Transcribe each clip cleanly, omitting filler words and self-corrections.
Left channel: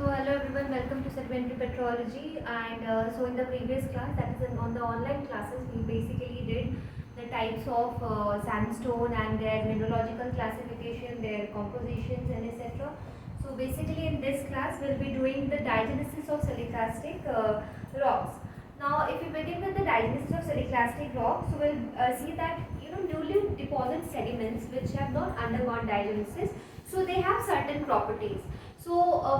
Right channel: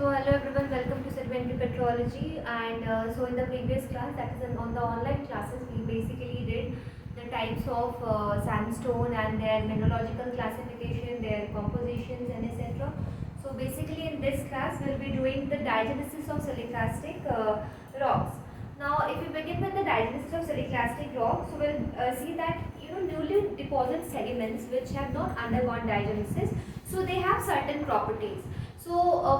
So hello everyone, welcome to Sedimentary Petrology. And in the previous class, that is on the online classes, we basically did the types of sandstone and their mineralogical classification, their compositions and etc. So basically in this class, we'll be doing the diagenesis of siliclastic rocks. Now if we begin with the diagenesis of siliclastic rocks, so we'll see that newly deposited sediments which have not undergone diagenesis, so they have certain properties. So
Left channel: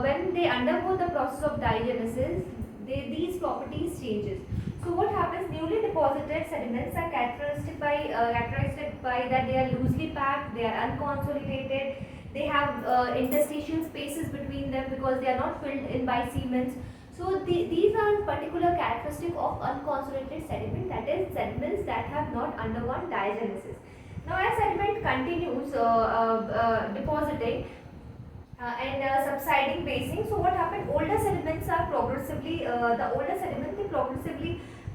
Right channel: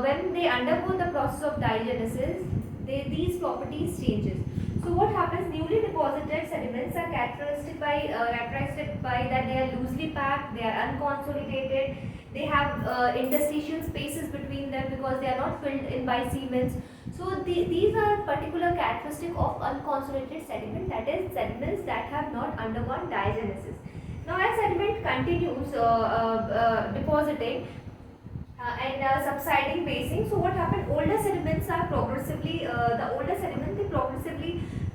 when they undergo the process of diagenesis, these properties changes. So what happens? Newly deposited sediments are characterized by that they are loosely packed, they are unconsolidated, they have interstitial spaces between them because they are not filled in by cements. So these are particular characteristic of unconsolidated sediment, that is sediments that have not undergone diagenesis. Now as sediment continues depositing, and subsiding basing. So what happened? Older sediments are progressively, the older sediments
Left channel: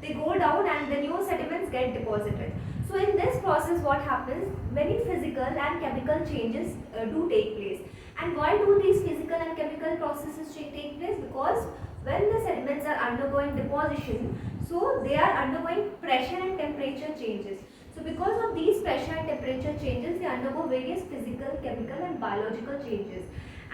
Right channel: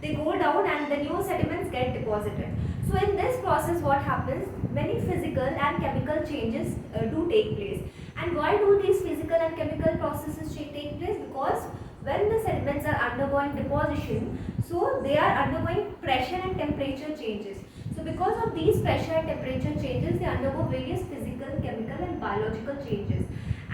they go down and the new sediments get deposited. So in this process what happens? Many physical and chemical changes do take place. And why do these physical and chemical processes take place? Because when the sediments are undergoing deposition, so they are undergoing pressure and temperature changes. So because of these pressure and temperature changes, they undergo various physical, chemical and biological changes.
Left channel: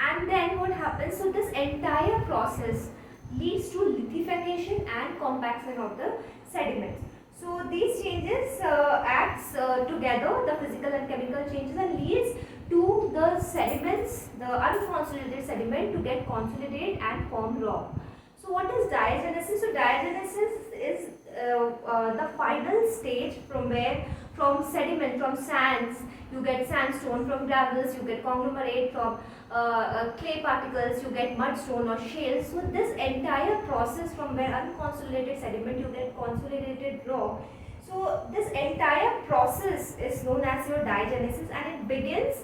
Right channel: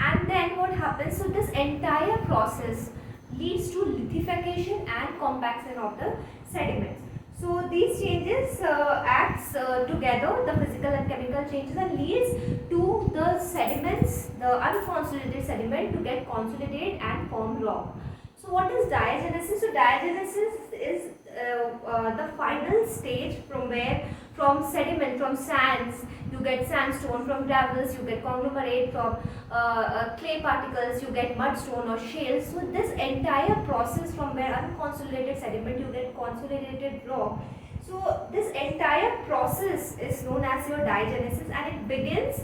And then what happens? So this entire process leads to lithification and compaction of the sediments. So these changes acts together, the physical and chemical changes, and leads to the sediments, the unconsolidated sediment, to get consolidated and form rock. So what is diagenesis? So diagenesis is the final stage from sediment, from sands, you get sandstone, from gravels, you get conglomerate, from clay particles, you get mudstone or shales. So this entire process from where unconsolidated sediment, you get consolidated rock. So this entire process is known as your diagenesis, and it begins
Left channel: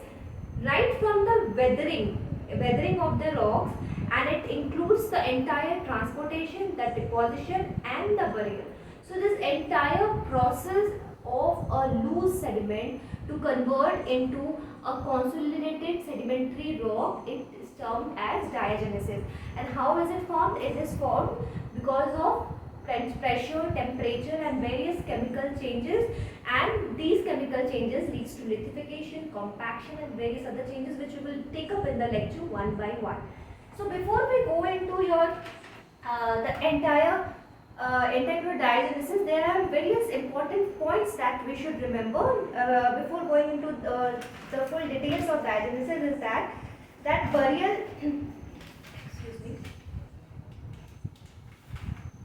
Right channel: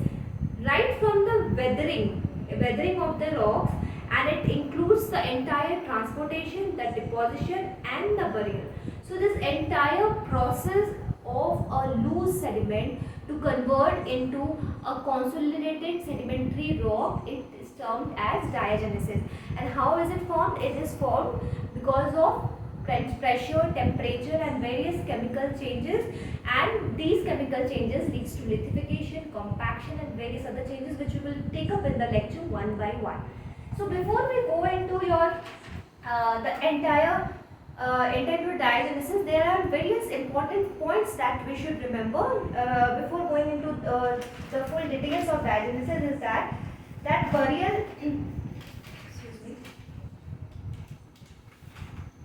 right from the weathering of the rocks, and it includes the entire transportation, the deposition and the burial. So this entire process of a loose sediment to convert into a consolidated sedimentary rock, it is termed as diagenesis. And how is it formed? It is formed because of pressure, temperature and various chemical changes, and these chemical changes leads to lithification, compaction and various other changes which we will take up in the lecture one by one. So before we go into the entire diagenesis, there are various important points that we should remember before going into the full details of diagenesis. Is that burial excuse me,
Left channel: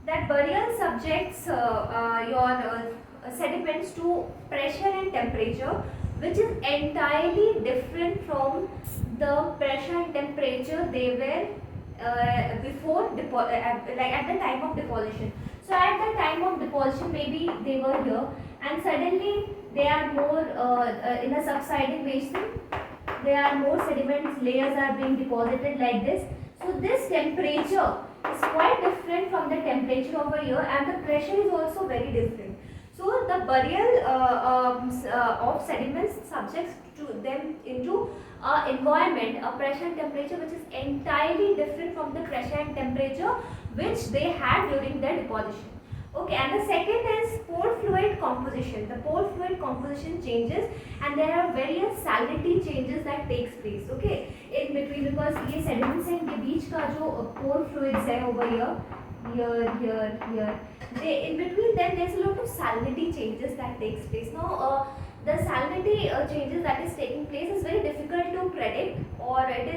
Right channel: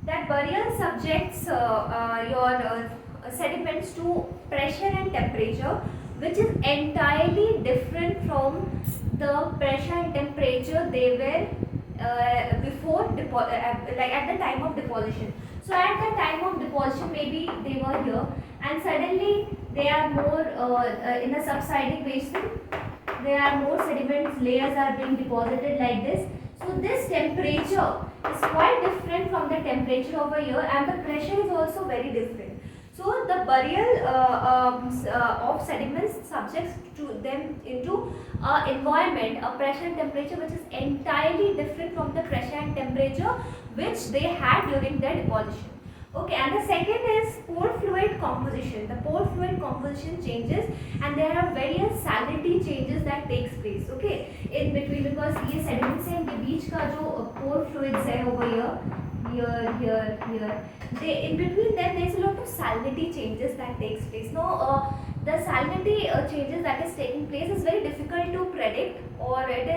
that burial subjects your sediments to pressure and temperature, which is entirely different from the pressure and temperature they were before like at the time of deposition. So at the time of deposition, maybe they were here and suddenly they are more in a subsiding basin, there are more sediment layers are being deposited like this. So this temperature is quite different from the temperature over here, and the pressure is also very different. So the burial of sediments subjects to them into environment, a pressure and temperature which is entirely different from the pressure and temperature which they had during their deposition. Okay, and the second is pore fluid composition. The pore fluid composition changes, and there are various salinity changes that takes place. Okay, in between, because ये sediments हैं, इनके बीच का जो pore fluids है over here, in between them there is a lot of salinity changes that takes place. Now the salinity changes that is taking place is very difficult to predict, or it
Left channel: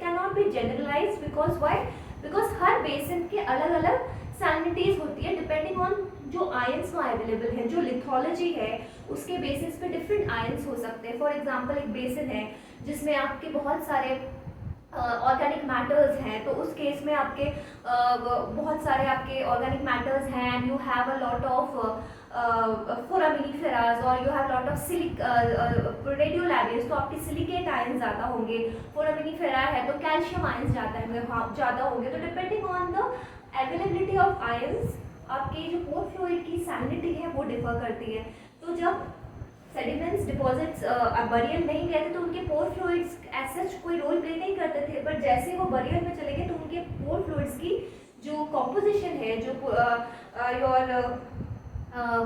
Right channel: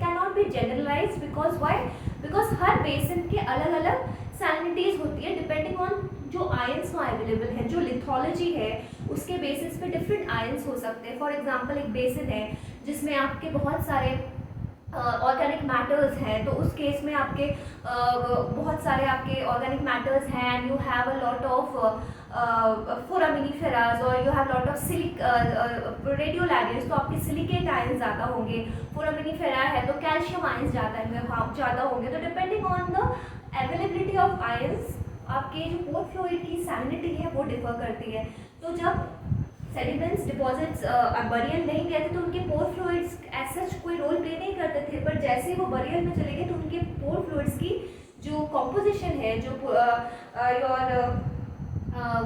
cannot be generalized. Because why? Because her basin के अलग अलग salinities होती है depending on जो ions वहाँ available हैं, जो lithology है उसके बेसिस पे डिफरेंट आयंस हो सकते हैं. फॉर एग्जांपल एक बेसिन है जिसमें आपके बहुत सारे ऑर्गेनिक मैटर्स हैं, तो उस केस में आपके बहुत सारे आपके ऑर्गेनिक मैटर्स हैं, and you have a lot of foraminiferas, और you have lot of radiolarias, तो आपके सिलिकेट आयंस ज़्यादा होंगे. फोरामिनीफेरा है तो कैल्शियम आयंस ज़्यादा होंगे. तो depending on the availability of ions आपके जो पोर फ्लूइड की सैलिनिटी है वो डिफर करती है. तो जब सेडिमेंट्स डिपॉजिट्स बरियल नहीं गए थे तो उनके पोर फ्लूइड्स एज सच कोई रोल प्ले नहीं करते थे, पर जैसे वो बरियल में चले गए तो उनके पोर फ्लूइड्स की जो कॉम्पोजिशन है, जो your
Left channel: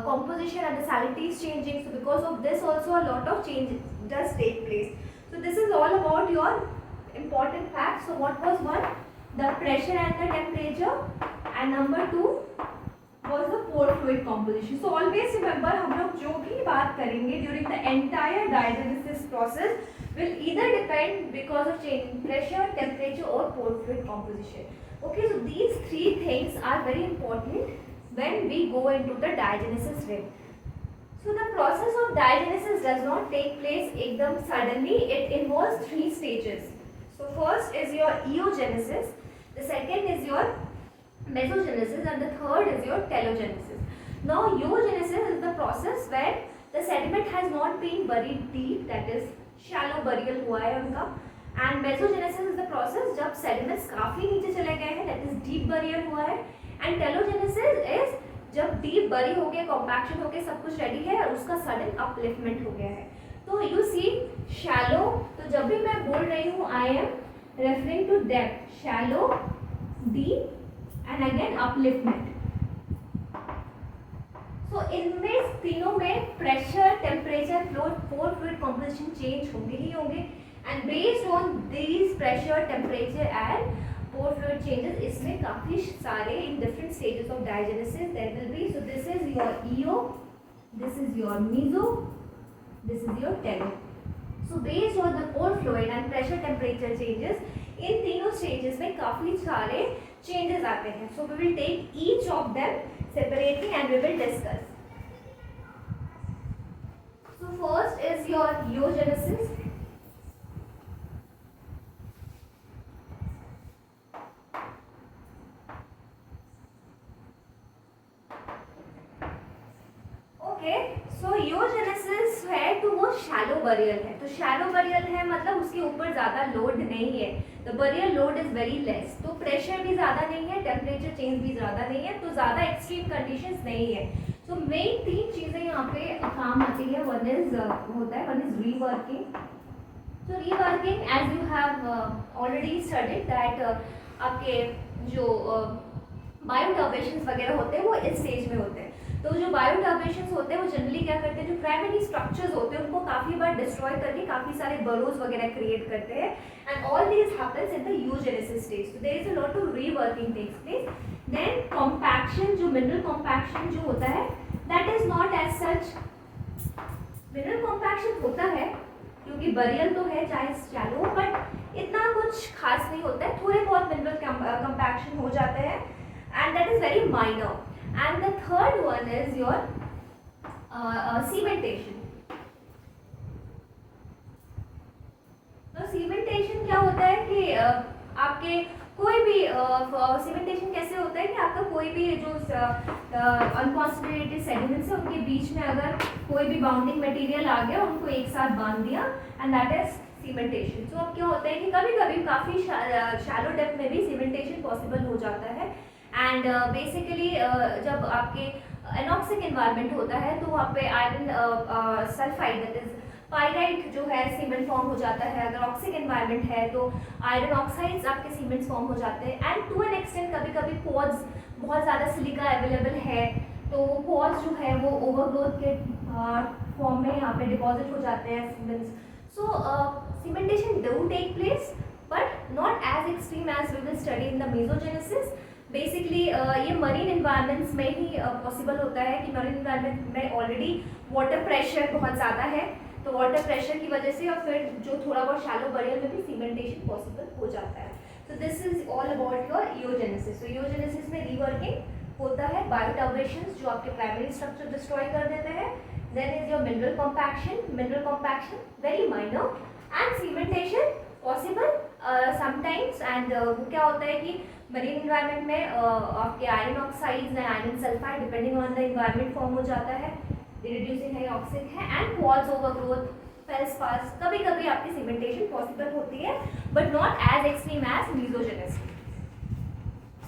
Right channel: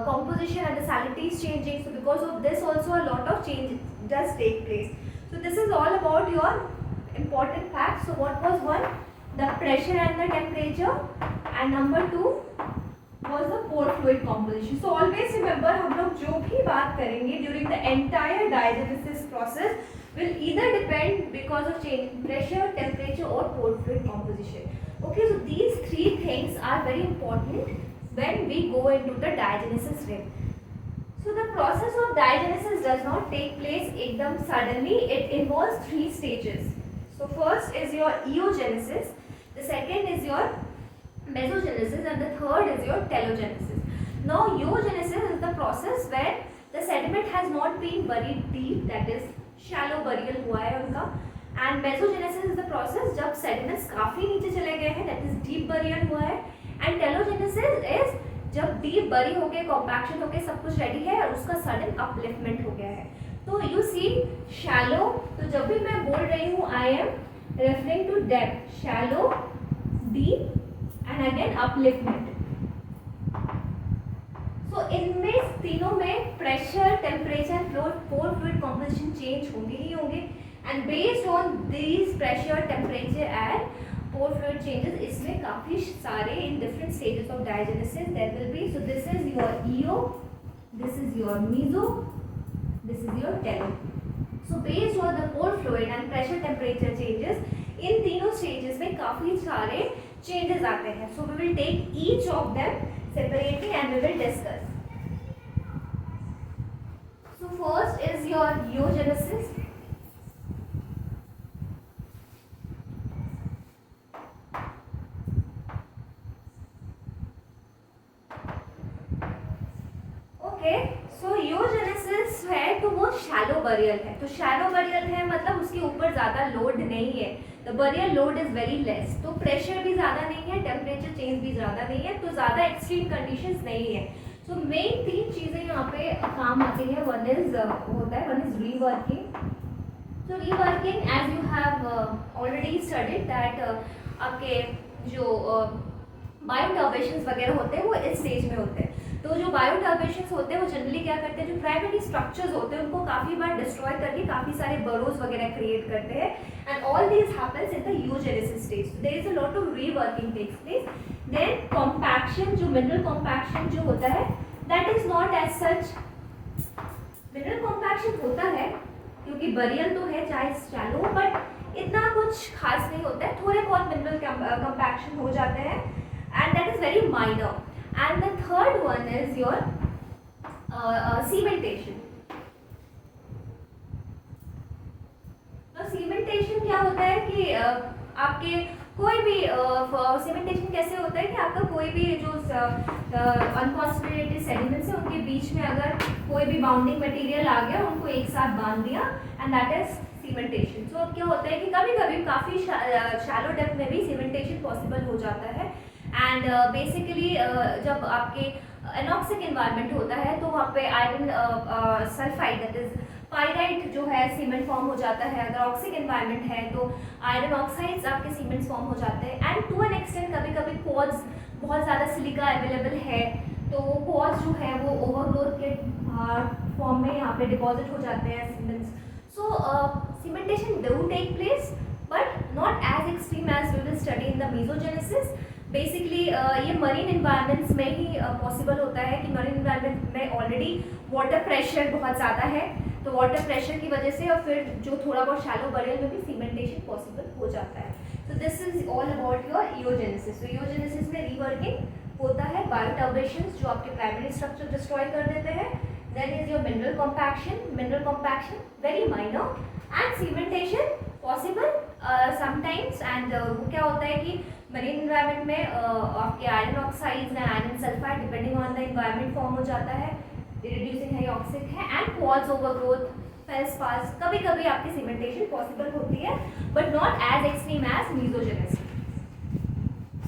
composition and the salinity is changing. So because of this also a lot of change does take place. So this is all about your important facts. So what was one? The pressure and the temperature, and number two was the pore fluid composition. So always remember, हम लोग जो भी बात करेंगे during the entire diagenesis process will either depend because of change in pressure, temperature or pore fluid composition. Okay, so these three things are very important when we go into the diagenesis ring. So the process of diagenesis does not take place ekdam suddenly. It involves three stages. So first is your eogenesis, the second is your mesogenesis, and the third is your telogenesis. Now eogenesis is the process where the sediment has not been buried deep, that is shallow burial हुआ है उनका, and mesogenesis is the process जब sediments काफी नीचे चले गए हैं, that is deep burial हुआ है, एंड टेलोजेनेसिस इज जब डीप बरी हो गए, कॉम्पैक्शन हो गए, सब कुछ रेडी है और उसका सडन अपलिफ्टमेंट हो गया है. तो यू सी शैलो, तो जब भी मैं बोल रही हूँ I am referring to depth, shallow, deep and again upliftment. So इनमें तीनों में pressure, temperature, flow, pore fluid composition change होंगे ही होंगे, and based on these pressure, temperature and pore fluid changes, इसमें काफी सारे in different stages of diagenesis there will be. So this is your eo, this is your meso, this is your telo. So based on the pore fluid and pressure, temperature changes, इन तीनों stages में काफी सारे changes आते हैं. So we will take each of them separately and we will discuss. So first is your eogenesis. So eugenesis है तो वो shallow burial है. तो शैलो बरियल है मतलब उसके ऊपर ज़्यादा लोड नहीं है, the burial load is very less. तो प्रेशर भी ज़्यादा नहीं है, टेम्परेचर चेंज भी ज़्यादा नहीं है, तो ज़्यादा एक्सट्रीम कंडीशंस नहीं है. सो मेन तीन चीज़ें यहाँ पे काम आती है. वन इज होता है, वन इज रीवर्किंग. तो reworking as you have already studied that आपके जो बायोटर्बेशंस वगैरह होते हैं वो इस स्टेज में होते हैं. तो जो बायोटर्बेशंस होते हैं वो जनरली क्या करते हैं, जो प्राइमरी स्ट्रक्चर्स होते हैं उनको काफ़ी बार डिस्ट्रॉय करके काफ़ी सारे बरोज वगैरह क्रिएट करते हैं, and all these happens in the eogenesis stage. So there is a lot of reworking takes place. Then compaction, जो मिनरल कॉम्पैक्शन जो होता है that is not as such. Mineral compaction होता है क्योंकि बरियल तो है चाहे शैलो, बट इतना कुछ खास नहीं होता है. थोड़े बहुत मिनरल कॉम्पैक्शन हो जाते हैं and that is very minor. And the third one is your cementation. तो cementation क्या होता है कि आपके कोई भी cementation कैसे होता है कि आपका कोई भी जो unconsolidated sediments है उनके बीच में अगर कोई भी बाउंडिंग मटेरियल आ गया, उनको एक साथ बांध दिया, एंड दैट इज सीमेंटेशन. तो अब क्या होता है कि कभी कभी काफ़ी शैलो डेप्थ में भी सीमेंटेशन पॉसिबल हो जाता है. एंड बेसिकली जब आपके एनॉक्सिक इन्वायरमेंट होता है तो वहाँ पे iron sulphide that is pyrite जो है सीमेंट फॉर्म हो जाता है. अगर ऑक्सिक इन्वायरमेंट है तो आयरन ऑक्साइड्स आपके सीमेंट्स फॉर्म हो जाते हैं. एंड टू एन एक्सटेंट कभी कभी पॉड्स, बहुत ज़्यादा सिलिका अवेलेबल है तो वो पॉड्स जो है वो ओवरग्रोथ के फॉर्म में यहाँ पे डिपॉजिट हो जाते हैं cements. So cementation do take place but not as extreme as we will study in the mesogenesis. Basically ये मरीन इन्वायरमेंट्स में ही पॉसिबल होता है कि मरीन इन्वायरमेंट में ऑलरेडी वाटर प्रेशर बहुत ज़्यादा है, तो वाटर प्रेशर की वजह से और फिर जो थोड़ा बहुत शैलो बरियल में भी सीमेंटेशन पॉसिबल हो जाता है. तो this is all about your eogenesis. तो इयोजेनेसिस में रीवर्किंग होता है, बायोटर्बेशंस जो आपके प्राइमरी स्ट्रक्चर डिस्ट्रॉय कर देते हैं. Then is your mineral compaction very minor, and cementation possible sometimes. And वो क्या होता है कि मरीन इन्वायरमेंट में आपके iron oxides and iron sulphide depending on the environment form हो जाता है, रिड्यूसिंग है ऑक्सिक है, एंड पॉज ओवरग्रोथ, फेल्सपार्स, कभी कभी आपकी सीमेंटेशन पॉसिबल होती है but not as extreme as mesogenesis.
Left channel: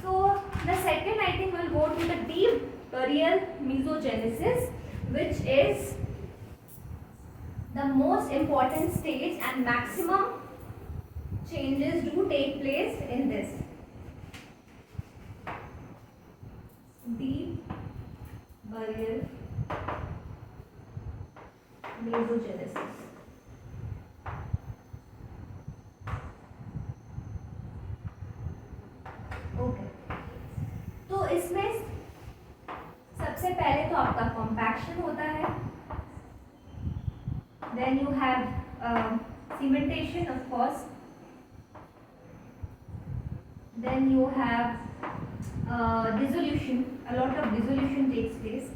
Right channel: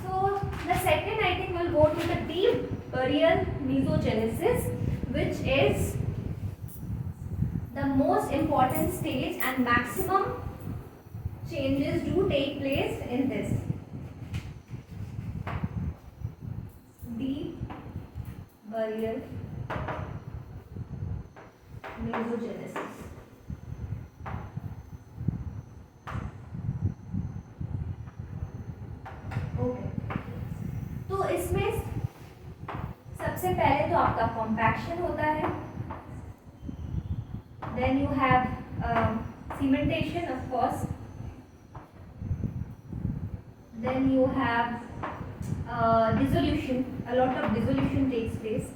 So the second I think will go to the deep burial mesogenesis which is the most important stage and maximum changes do take place in this deep burial mesogenesis. Okay, तो इसमें सबसे पहले तो आपका compaction होता है, then you have cementation of course, then you have dissolution, a lot of dissolution takes place.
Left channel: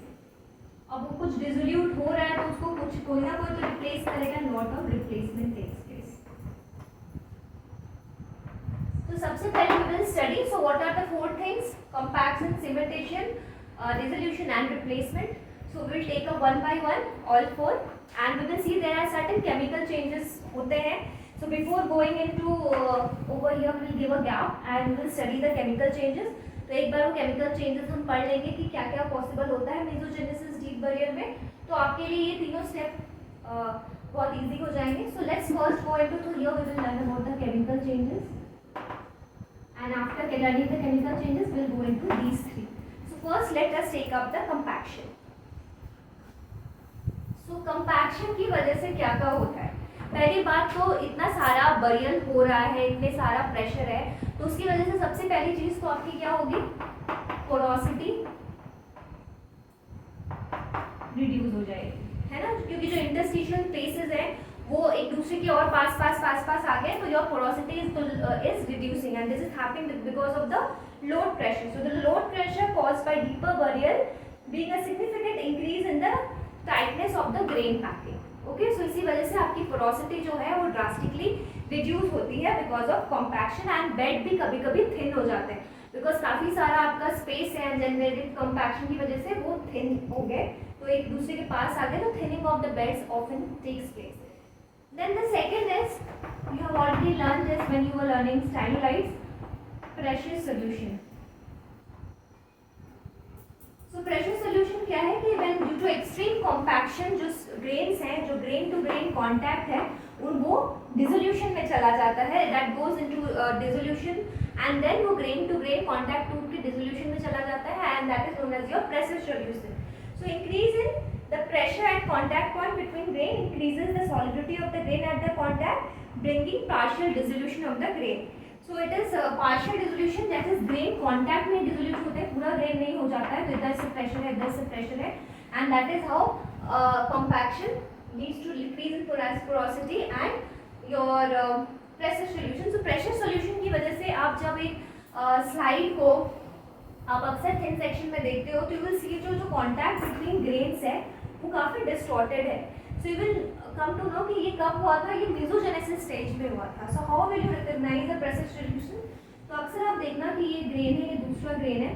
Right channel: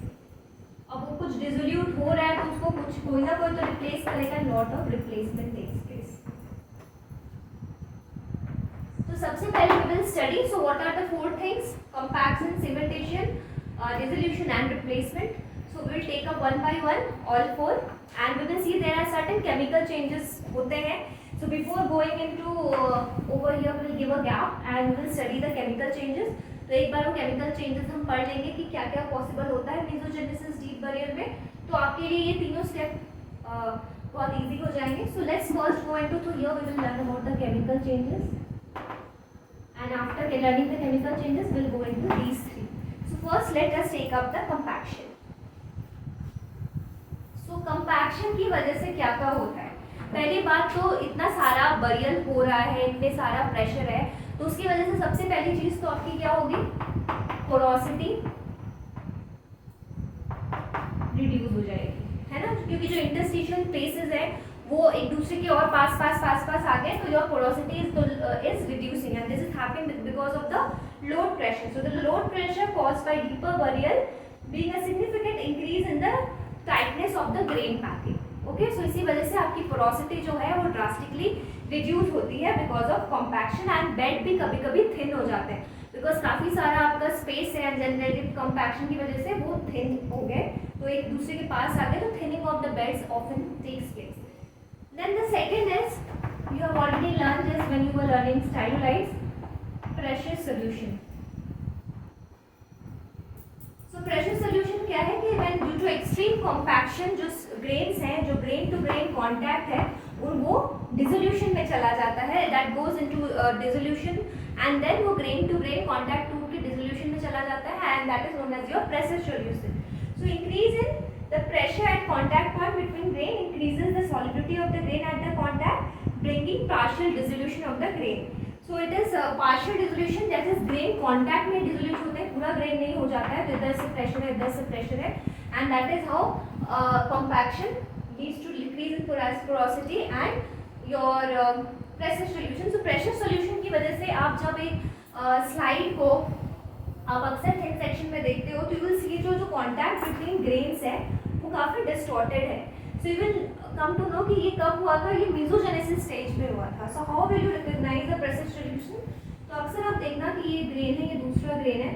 अब वो कुछ डिसोल्यूट हो रहा है तो उसको कुछ कोई ना कोई तो रिप्लेस करेगा, lot of replacement takes place. तो सबसे पहले we will study, so what are the four things: compaction, cementation, dissolution and replacement. So we will take up one by one all four and we will see there are certain chemical changes होते हैं. So before going into over here we will give a gap and we will study the chemical changes. तो एक बार वो chemical changes हम पढ़ लेंगे कि क्या क्या पॉसिबल होता है मेसोजेनेसिस डीप बरियर में, तो आपके लिए ये तीनों स्टेप बहुत इजी हो जाएंगे. So let's first go into, तो here we will learn about the chemical changes and after learning the chemical changes will go into these three. So first let us take up the compaction. So compaction की वजह से क्या क्या होता है? पहली बात तो इतना सारा बरियल हो रहा है, इतने सारा प्रेशर है, तो उसकी वजह से सबसे पहली चीज तो आपकी क्या होगी? पोरोसिटी रिड्यूस हो जाएगी, है ना, क्योंकि जो इंटरस्टिशियल स्पेसेस है वो एक दूसरे के और पास पास आ गए, तो your porosity is reducing and this is happening because of the load pressure. So the load pressure caused by deeper burial being a significant increase in the tightness of the grain packing. Okay, so इसी वजह से आपकी porosity जो है वो drastically reduce होती है because of compaction and bed भी कभी कभी थिन हो जाते हैं बिकॉज काफ़ी सारा आपका स्पेस है एंड जनरेटिव कॉम्पैक्शन की वजह से वो थिन हो गए, तो एक दूसरे के पास आ गए, तो thinning of the beds often takes place. Then the second is you have already learn this when you were learning stylolize pressure solution. So pressure solution क्या है कि when due to extreme compaction जो grains हैं, जो grain to grain contact है, वो dissolution में चला जाता है, that goes into dissolution and then वो ग्रेन टू ग्रेन कांटेक्ट टूट के डिसोल्यूशन में चला जाता है and that is known as your pressure solution. So increase in the pressure at contact point between grain increases the solidity of the grain at the contact bringing partial dissolution of the grain. So it is partial dissolution, जैसे grain contact में dissolute होते हैं, पूरा grain नहीं हो जाता है, तो इधर से प्रेशर है, इधर से प्रेशर है, and that is how compaction leads to decrease in porosity and your pressure solution. So pressure solution की वजह से आप जब एक स्लाइड को आप अक्सर थिन सेक्शन में देखते हो तो यू विल सी जो कॉन्टैक्ट बिटवीन ग्रेन्स है वो काफ़ी डिस्टॉर्टेड है. So you will come to know कि ये कब हुआ था, ये मेसोजेनेसिस स्टेज में हुआ था. So how will you recognise the pressure solution? तो अक्सर आप देखना कि ये ग्रेन है, ये दूसरा ग्रेन है,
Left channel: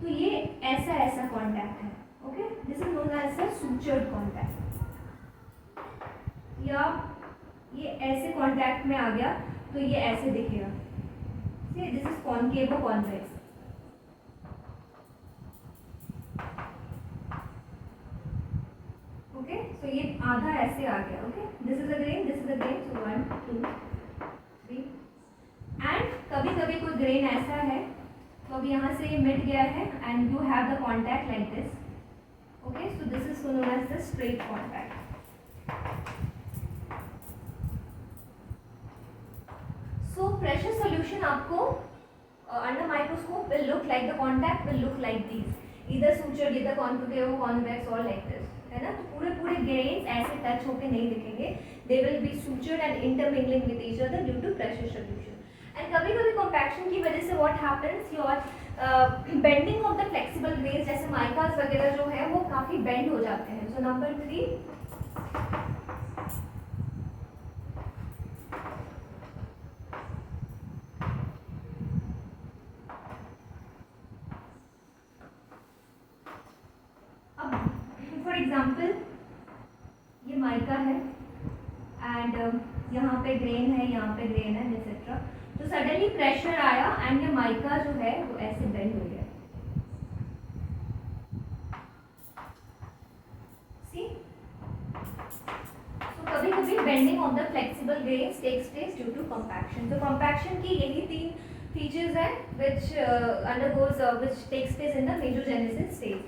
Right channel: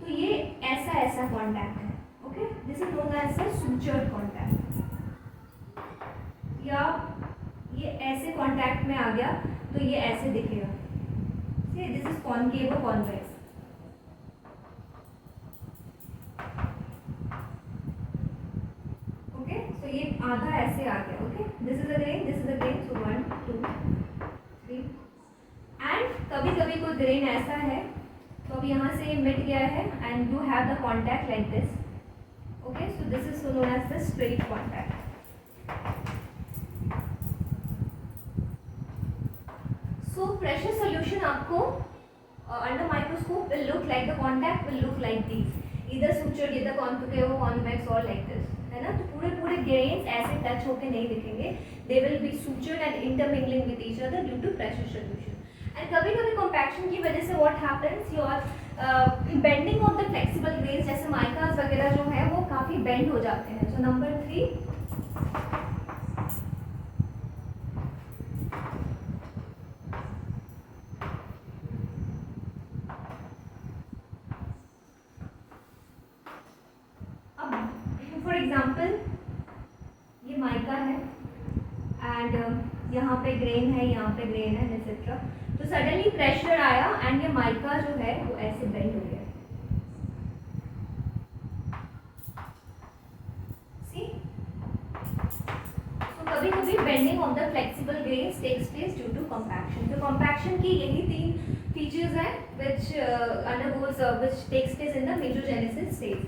तो ये ऐसा कॉन्टैक्ट है. Okay, this is known as the sutured contact, या ये ऐसे कॉन्टैक्ट में आ गया तो ये ऐसे दिखेगा. दिस इज कॉनकेव और कॉन्वेक्स. ओके, सो ये आधा ऐसे आ गया. Okay, this is a grain, this is a grain, so 1 2 3 and कभी कभी कोई ग्रेन ऐसा है तो अब यहाँ से मिट गया है and you have the contact like this. Okay, so this is known as the straight contact. So pressure solution आपको under microscope will look like, the contact will look like these, either sutured, either concave, convex or like this, है ना. तो पूरे grains ऐसे touch होके नहीं दिखेंगे, they will be sutured and intermingling with each other due to pressure solution. And कभी कभी compaction की वजह से what happens, your bending of the flexible grains जैसे माइकास वगैरह जो है वो काफ़ी bend हो जाते हैं. So number 3, फॉर एग्जाम्पल ये माइका है एंड यहाँ पे ग्रेन है, यहाँ पे ग्रेन है, एक्सेट्रा. तो सडनली प्रेशर आया एंड ये माइका जो है वो ऐसे बेंड हो गया. सी, तो कभी कभी bending of the flexible grains takes place due to compaction. तो कॉम्पैक्शन की यही 3 फीचर्स हैं which undergoes which takes place in the mesogenesis stage.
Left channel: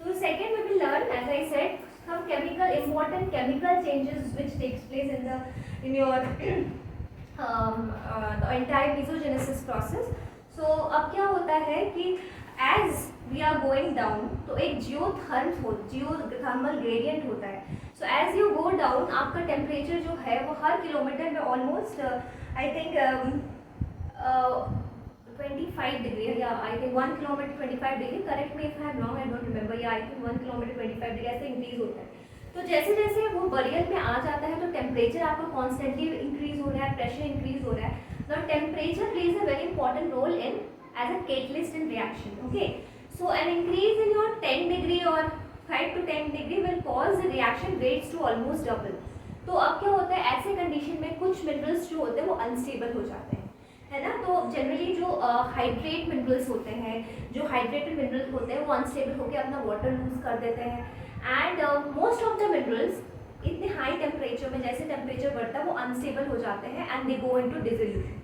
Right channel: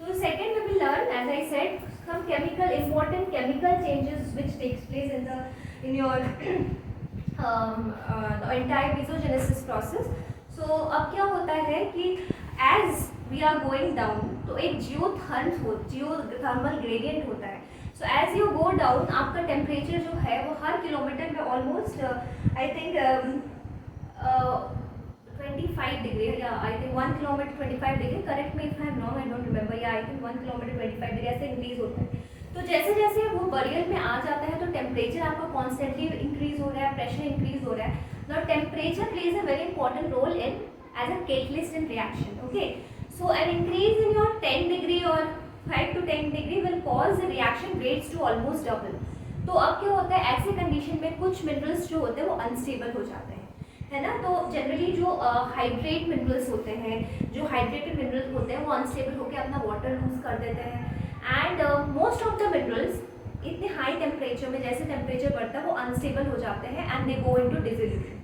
So second we will learn, as I said, some important chemical changes which takes place in your the entire mesogenesis process. So अब क्या होता है कि as we are going down, तो एक geothermal gradient होता है. So as you go down आपका टेम्परेचर जो है वो हर किलोमीटर में ऑलमोस्ट आई थिंक 25 डिग्री या I think 1 kilometre 25 degree, correct me if I am wrong, I don't remember, या आई थिंक 1 किलोमीटर 25 डिग्री ऐसे इंक्रीज होता है. तो जैसे जैसे वो बरियर में आ जाता है तो टेम्परेचर आपका कॉन्स्टेंटली इंक्रीज हो रहा है, प्रेशर इंक्रीज हो रहा है. Now temperature plays a very important role in as a catalyst in reaction. Okay, so an increase in your 10 degree or 5 to 10 degree will cause the reaction rates to almost double. तो अब क्या होता है ऐसे condition में कुछ minerals जो होते हैं वो अनस्टेबल हो जाते हैं, है ना. तो जनरली जो हाइड्रेट मिनरल्स होते हैं, जो हाइड्रेटेड मिनरल्स होते हैं वो अनस्टेबल होकर अपना वाटर लूज कर देते हैं. And most of the minerals इतने हाई टेम्परेचर में, जैसे टेम्परेचर बढ़ता है वो अनस्टेबल हो जाते हैं and they go into dissolution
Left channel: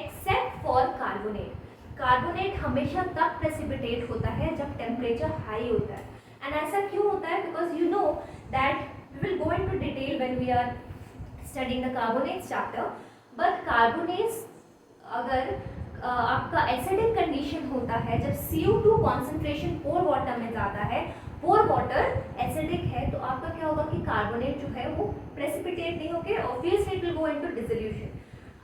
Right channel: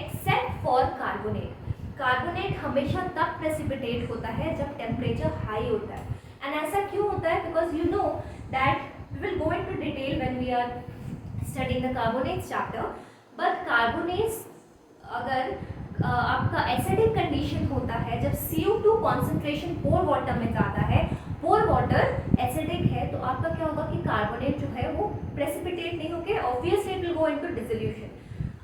except for carbonate. Carbonate हमेशा तब प्रेसिपिटेट होता है जब टेम्परेचर हाई होता है. एंड ऐसा क्यों होता है? Because you know that we will go into detail when we are studying the carbonates chapter. But carbonates अगर आपका एसिडिक कंडीशन होता है, जब CO2 कॉन्सेंट्रेशन पोर वाटर में जाता है, पोर वाटर एसिडिक है, तो आपका क्या होगा कि कार्बोनेट जो है वो प्रेसिपिटेट नहीं होकर obviously it will go into dissolution.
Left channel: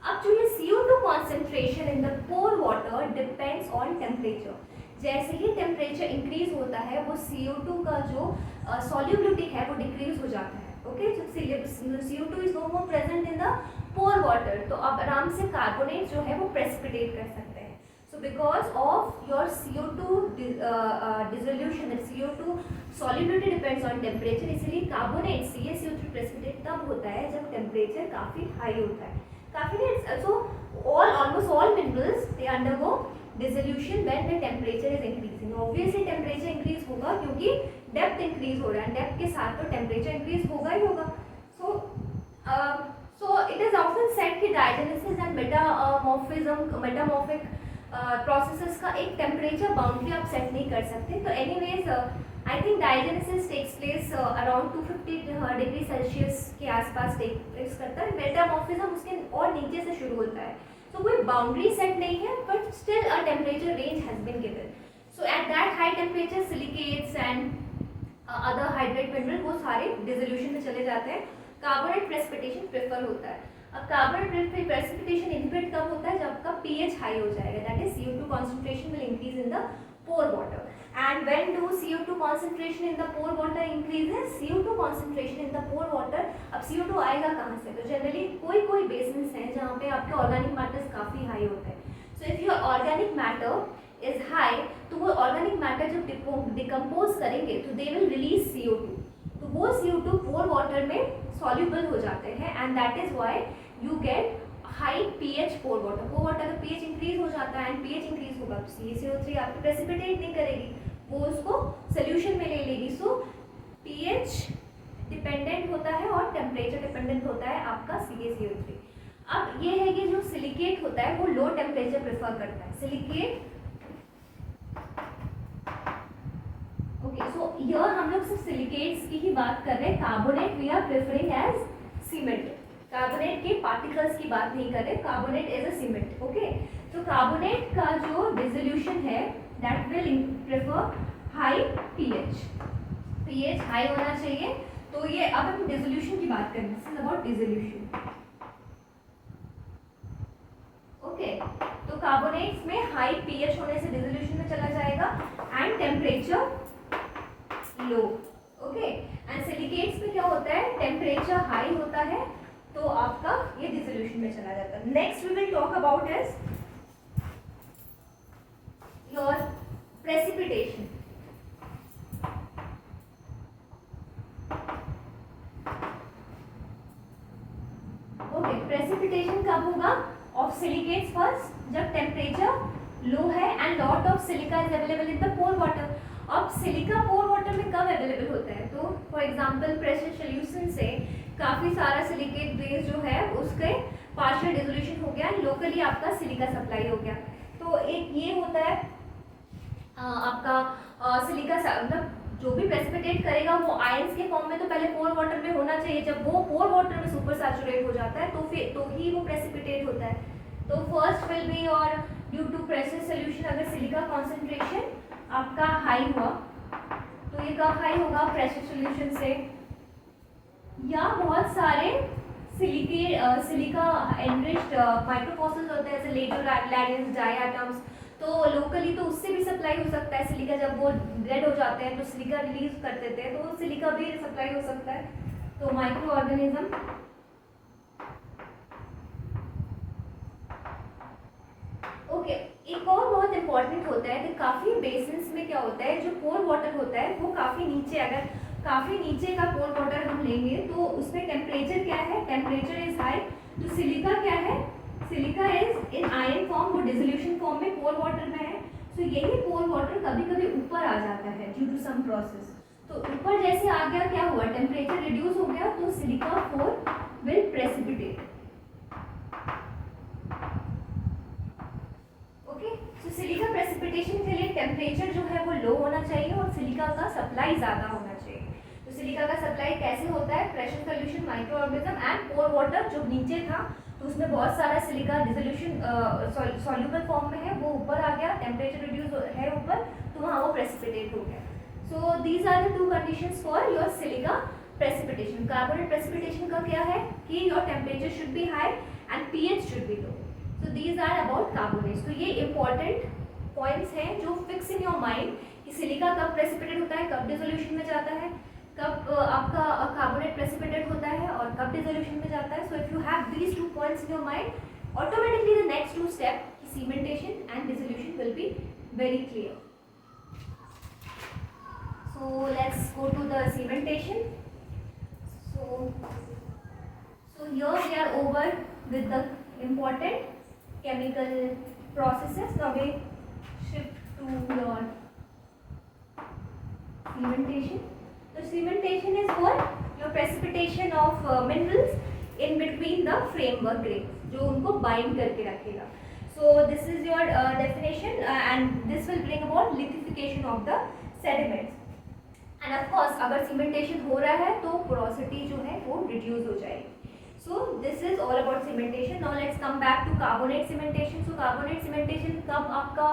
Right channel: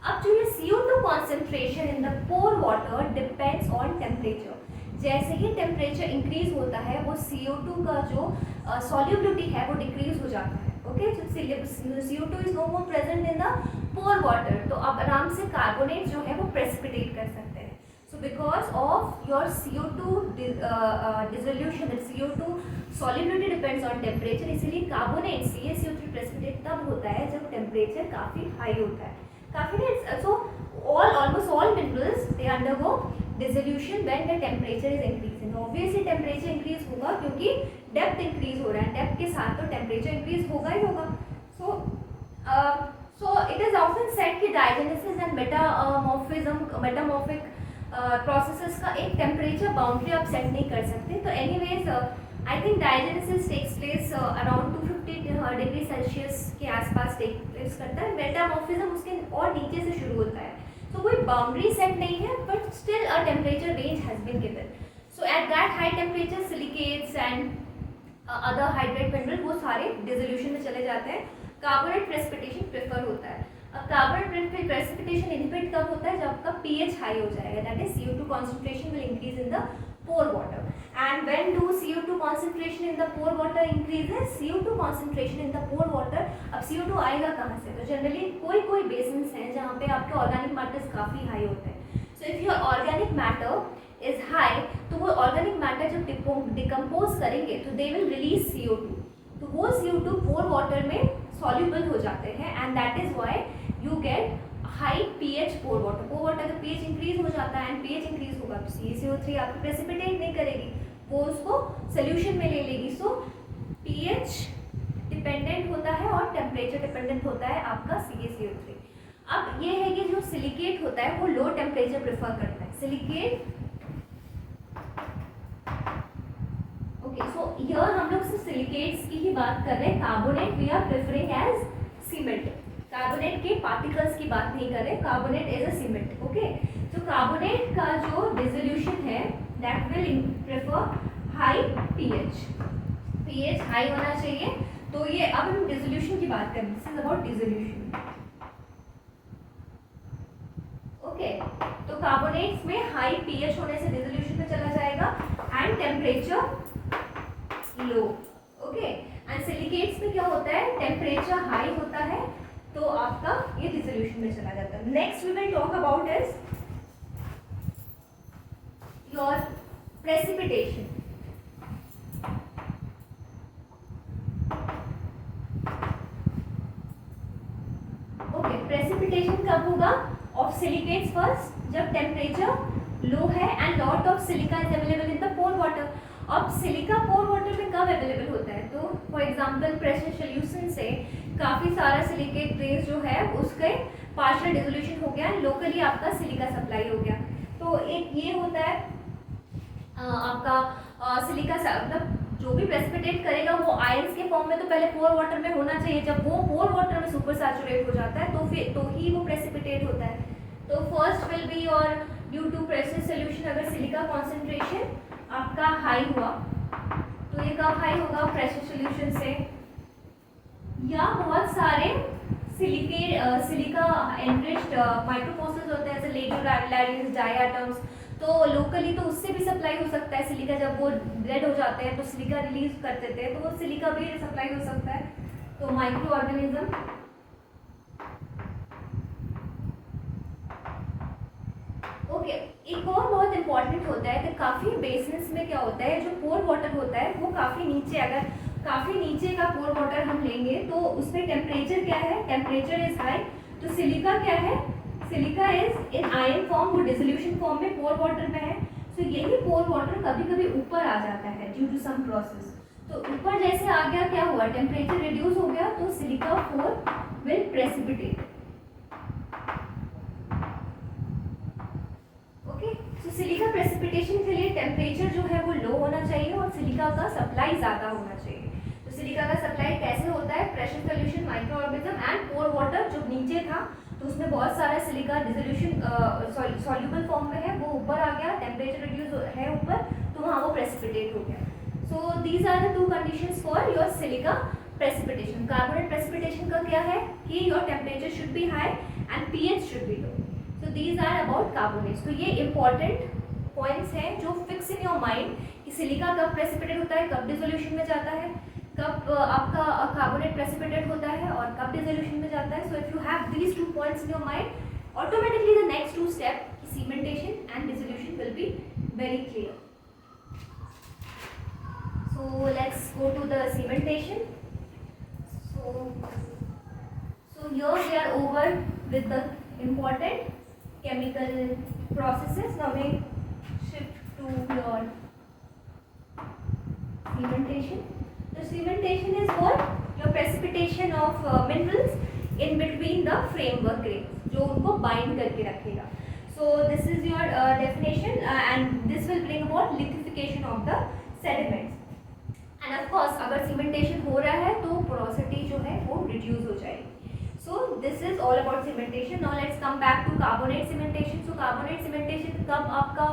अब जो ये CO2 concentration in the pore water depends on temperature. जैसे ही टेम्परेचर इंक्रीज होता है वो CO2 का जो सॉल्युबिलिटी है वो डिक्रीज हो जाता है. Okay, CO2 is no more present in the pore water, तो अब आराम से कार्बोनेट जो है वो प्रेसिपिटेट कर सकते हैं. So because of your CO2 dissolution, CO2 solubility depends on temperature, इसीलिए कार्बोनेट CaCO3 प्रेसिपिटेट तब होता है जब टेम्परेचर काफ़ी हाई होता है. सो almost all minerals they undergo dissolution when the temperature is increasing. Obviously temperature increase होगा क्योंकि depth increase हो रहा है, depth के साथ तो temperature increase होगा ही होगा. So it is often said कि diagenesis and metamorphic processes का एक temperature boundary आप set नहीं कर सकते. तो anyways I think diagenesis takes place around 250 degree Celsius के आसपास टेक प्लेस करता है. मेटामॉर्फिज्म उसके और नीचे से शुरू होता है. तो कोई बाउंड्री सेट नहीं है, but still a temperature range has been given. So at that high temperature silicates and other hydrate mineral वो सारे डिसोल्यूशन में चले जाते हैं. कार्बोनेट प्रेसिपिटेशन प्रेफर होता है. अब कार्बोनेट प्रेसिपिटेशन इनहिबिट कब होता है? जब आपका pH हाई हो जाएगा, that is CO2 concentration will increase in the pore water. And when do CO2 concentration in the pore water increases? CO2 concentration in the pore water, अब CO2 आएगा कहाँ से? तो जनरली कोई बेसिन्स हैं जहाँ पे आपके ऑर्गेनिक मैटर्स काफ़ी हाई होते हैं. So if your organic matter is high, तो वो ऑर्गेनिक मैटर जब डिकम्पोज करेंगे तो दे विल रिलीज CO2. तो वो CO2 पोर वाटर में सॉल्यूबल हो जाते हैं and that is why you get high pH pore water. Pore water का pH इंक्रीज हो जाता है एंड pH इंक्रीज होगा तो CaCO3 आपको प्रेसिपिटेट नहीं करेगी, वो उसको सोल्यूशन में ले लेगी. सो pH डिपेंडेंट होता है और टेम्परेचर डिपेंडेंट होता है आपका CaCO3. अब ये है कि जो सिलिकेट होता है वो लो टेम्परेचर प्रेफर करता है. सिलिकेट ओके, सो हियर हम लोग सिर्फ सिलिकेट्स की ही बात कर रहे हैं. Carbonate we are preferring as cement. Carbonate के पार्टिकल्स की बात नहीं कर रहे. Carbonate is a cement. Okay, तो कार्बोनेट का जो डिसोल्यूशन है that will prefer high pH high होना चाहिए. तो ये अब हम डिसोल्यूशन की बात करें. This is about dissolution. Okay, तो कार्बोनेट्स में हाई pH होने से डिसोल्यूशन में चला जाएगा and temperature low. Okay, and silicates में क्या होता है? टेम्परेचर हाई होता है तो आपका ये डिसोल्यूशन में चला जाता है. Next we will talk about is your precipitation. Okay, precipitation कब होगा? ऑफ सिलिकेट्स फर्स्ट, जब टेम्परेचर लो है and lot of silica is available in the pore water. अब सिलिका पोर वाटर में कब अवेलेबल होता है? तो फॉर एग्जांपल प्रेशर सोल्यूशन से काफ़ी सारा सिलिकेट बेस जो है उसके पार्शियल डिसोल्यूशन हो गया, लोकली आपका सिलिका सप्लाई हो गया। तो एक ये होता है आपका सिलिका मतलब जो भी प्रेसिपिटेट करेगा वो आयंस के फॉर्म में तो पहले पोर वाटर में होना चाहिए। जब वो पोर वाटर में सुपर सैचुरेट हो जाता है तो ही वो प्रेसिपिटेट होता है। तो फर्स्ट विल बी और ड्यू टू प्रेशर सोल्यूशन, अगर सिलिका कॉन्सेंट्रेशन आपका हाई हुआ तो ये कब हाई होगा, प्रेशर सोल्यूशन से, या बहुत सारे सिलिका एनरिच्ड माइक्रोफॉसिल्स होते हैं जैसे लेडोलैरियंस, डायटम्स, तो लोकली तो उससे भी सप्लाई हो सकता है सिलिका। जब वो डेड हो जाते हैं तो सिलिका रिलीज कर देते हैं, तो वो सिलिका भी सप्लाई हो सकता है। तो माइक्रो ऑर्गेनिज्म, ओके, एक और बहुत इंपॉर्टेंट होता है कि काफ़ी बेसिन्स में क्या होता है, जो पोर वाटर होता है वो काफ़ी नीचे, अगर काफ़ी नीचे का पोर वाटर हम लेंगे तो उसमें टेम्परेचर क्या है, टेम्परेचर इज हाई। तो सिलिका क्या है, silica is in ion form, वो डिसोल्यूशन फॉर्म में पोर वाटर में है। तो यही पोर वाटर कभी कभी ऊपर आ जाता है ड्यू टू सम प्रोसेस। तो ऊपर जैसे आ गया, क्या हुआ, टेम्परेचर रिड्यूस हो गया, तो silica pore will precipitate. Okay, तो सिलिका प्रेसिपिटेशन के लिए टेम्परेचर जो है वो लो होना चाहिए और सिलिका का सप्लाई ज़्यादा होना चाहिए। तो सिलिका का सप्लाई कैसे होता है, pressure solution, microorganism and pore water. जो नीचे था तो उसमें बहुत सारा सिलिका डिसोल्यूशन सॉल्युबल फॉर्म में है, वो ऊपर आ गया, टेम्परेचर रिड्यूस है ऊपर, तो वहाँ वो प्रेसिपिटेट हो गया। So these are the two conditions for your silica precipitation. Carbonate precipitation का क्या है कि your temperature should be high and pH should be low. So these are about carbonates. तो ये इंपॉर्टेंट पॉइंट्स हैं जो फिक्स इन योर माइंड कि silica कब प्रेसिपिटेट होता है, कब डिसोल्यूशन में जाता है, कब आपका कार्बोनेट प्रेसिपिटेट होता है और कब डिसोल्यूशन में जाता है। So if you have these two points in your mind, automatically the next two step cementation and dissolution will be very clear. So let's go to the cementation. So here we are over with the important chemical processes. Now we shift to your cementation. The cementation is what? Your precipitation of minerals in between the framework grains, जो उनको bind करके रखेगा. So this is your definition and this will bring about lithification of the sediments. End of course अगर cementation हो रहा है तो porosity जो है वो रिड्यूस हो जाएगी। So this is all about cementation. Now let's come back to carbonate cementation. So carbonate cementation कब आपका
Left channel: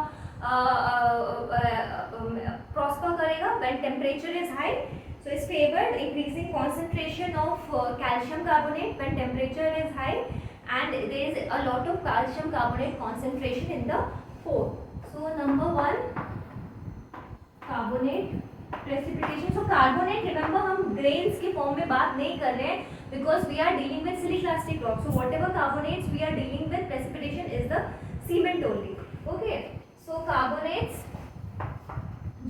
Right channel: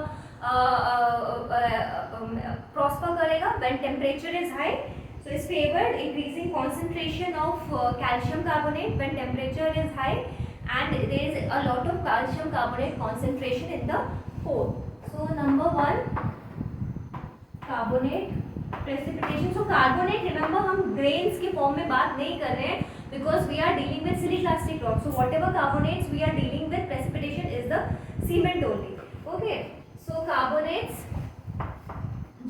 प्रॉस्पर करेगा, when temperature is high. So is favoured increasing concentration of calcium carbonate when temperature is high and there is a lot of calcium carbonate concentration in the pore. So number 1 carbonate precipitation. So carbonate, remember हम grains के form में बात नहीं कर रहे हैं because we are dealing with siliciclastic rock. So whatever carbonates we are dealing with, precipitation is the cement only. Okay, so carbonates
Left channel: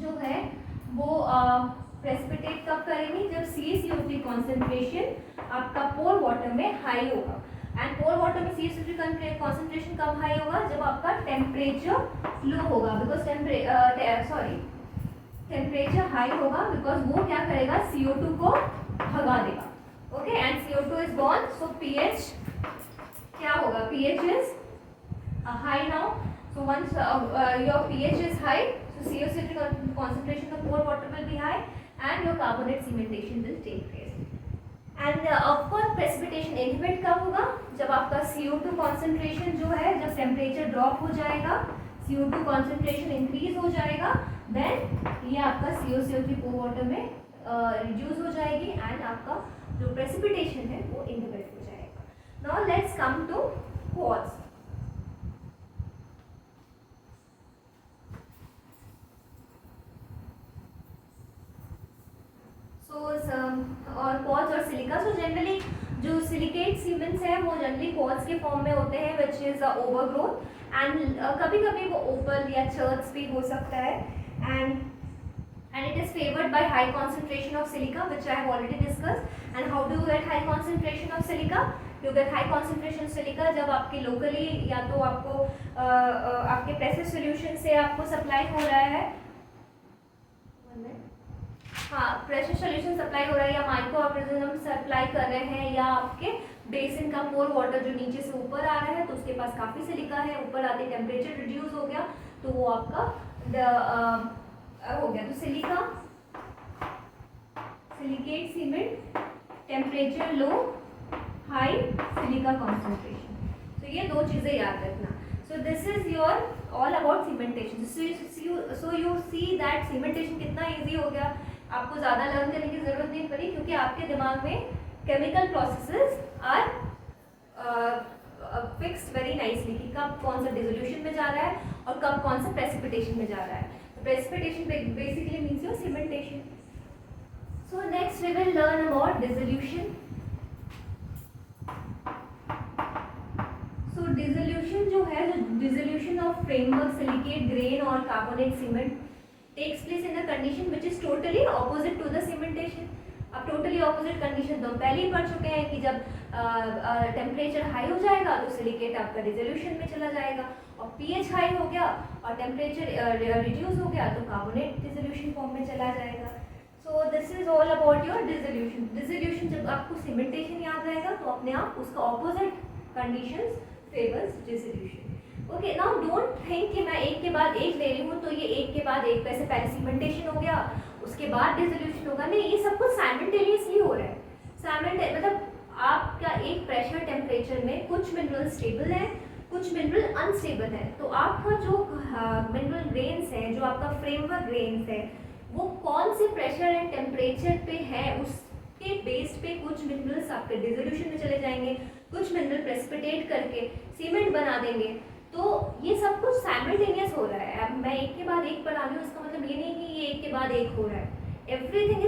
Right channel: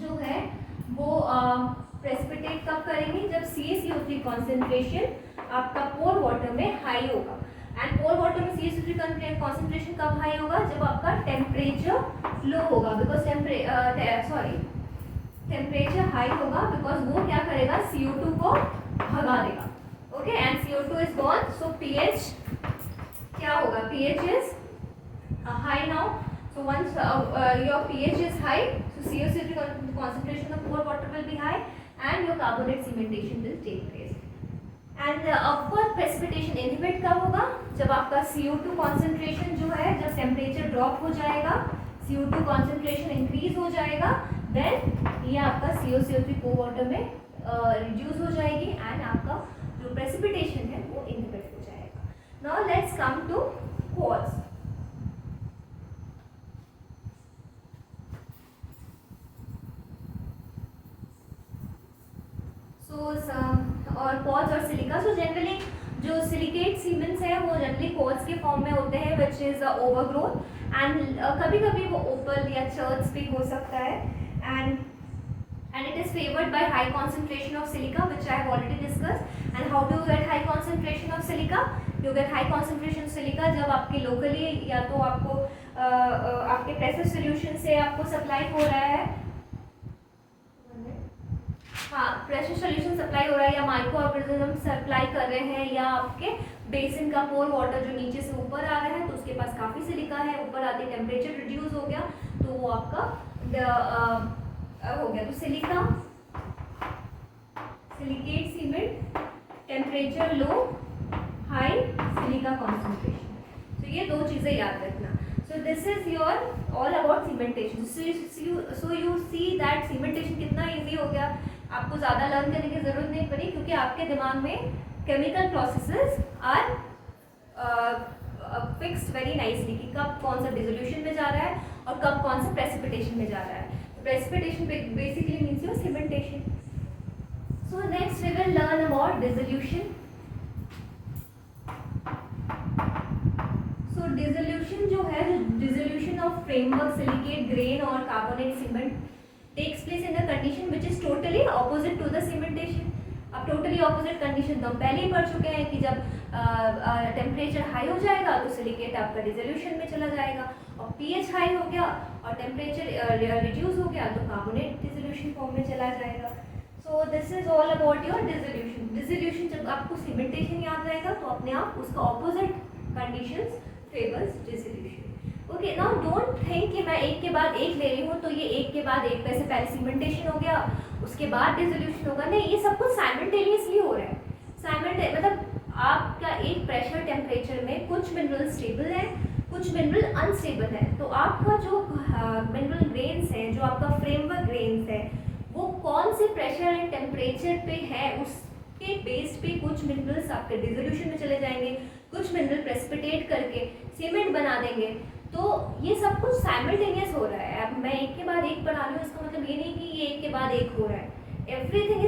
जो है वो प्रेसिपिटेट कब करेंगे, जब CaCO3 कॉन्सेंट्रेशन आपका पोर वाटर में हाई होगा। एंड पोर वाटर में CaCO3 कॉन्सेंट्रेशन कब हाई होगा, जब आपका टेम्परेचर लो होगा, बिकॉज टेम्परेचर हाई होगा बिकॉज वो क्या करेगा, CO2 को भगा देगा। Okay, and CO2 is gone, so pH क्या होगा, pH is high now. So once your pH is high, so CaCO3 concentration of pore water will be high and your carbonate cementation will take place। End of course precipitation inhibit कब होगा, जब आपका CO2 concentration जो है, जब temperature drop हो जाएगा, CO2 concentration increase हो जाएगा, देन ये आपका CaCO3 पोर वाटर में रिड्यूस हो जाएगी एंड आपका जो प्रेसिपिटेशन है वो इनहिबिट हो जाएगा। Now let's come to quartz. और कॉज और सिलिका। सो जनरली जो सिलिकेट सीमेंट्स है वो जनरली कॉज के फॉर्म में होते हैं, विच इज ओवरग्रोथ एंड कभी कभी वो ओपल या चर्च भी हो सकता है। and it is favored by high concentration of silica, which I have already discussed. And how do you get high concentration of silica? You get high concentration of silica जब आपके locally या तो आपको आपके प्रेशर सोल्यूशन से आपको supply हो रहा है, हाँ, प्रेशर सोल्यूशन सप्लाई हो रहा है या माइक्रो ऑर्गेनिज्म सप्लाई कर रहे हैं, या आपके बेसिन का पोर वाटर जो नीचे से ऊपर आ रहा है तो उसके पास काफ़ी सिलिका है, ऊपर आते टेम्परेचर रिड्यूस हो गया तो वो आपका हो गया। तो silica, silicate cement, temperature low, high silica concentration. तो ये दो चीज़ें याद रखना। सो this is your all about cementation. So you see that cementation कितना ईजी हो गया, आपको ज़्यादा लर्न करने की ज़रूरत नहीं पड़ी, क्योंकि आपके दिमाग में chemical processes are fixed very nicely कि कब कौन सा डिसोल्यूशन में जा रहा है और कब कौन सा प्रेसिपिटेशन में जा रहा है। तो precipitation basically means your cementation. So next we will learn about dissolution. So dissolution जो है, dissolution of framework silicate grain और carbonate cement takes place in a condition which is totally opposite to the cementation। अब totally opposite condition तो हम पहले ही पढ़ चुके हैं कि जब टेम्परेचर हाई हो जाएगा तो सिलिकेट आपका डिसोल्यूशन में चला जाएगा, और पीएच हाई हो गया और टेम्परेचर रिड्यूस हो गया तो कार्बोनेट डिसोल्यूशन फॉर्म में चला जाएगा। सो this is all about your dissolution. Dissolution जब आपको सीमेंटेशन याद रहेगा तो अपने आप उसका opposite conditions favours dissolution. Okay, now don't think कि मैं एक के बाद एक ले रही हूँ तो ये एक के बाद एक, वैसे पहले सीमेंटेशन हो गया उसके बाद डिसोल्यूशन होगा, नहीं, ये सब कुछ साइमल्टेनियसली हो रहा है। मतलब आपका एक प्रेशर टेम्परेचर में कुछ मिनरल स्टेबल है, कुछ मिनरल अनस्टेबल है, तो आपका जो मिनरल ग्रेन्स है, जो आपका फ्रेमवर्क ग्रेन्स है, वो कौन से प्रेशर एंड टेम्परेचर पे है उसके बेस पे कुछ मिनरल्स आपके डिसोल्यूशन में चले जाएंगे, कुछ मिनरल प्रेसिपिटेट करके सीमेंट बना देंगे। तो ये सब कुछ साइमल्टेनियस हो रहा है। अब मैं एक के बाद एक पढ़ा रही हूँ, इसका मतलब ये नहीं कि ये एक के बाद एक हो रहा है। Everything is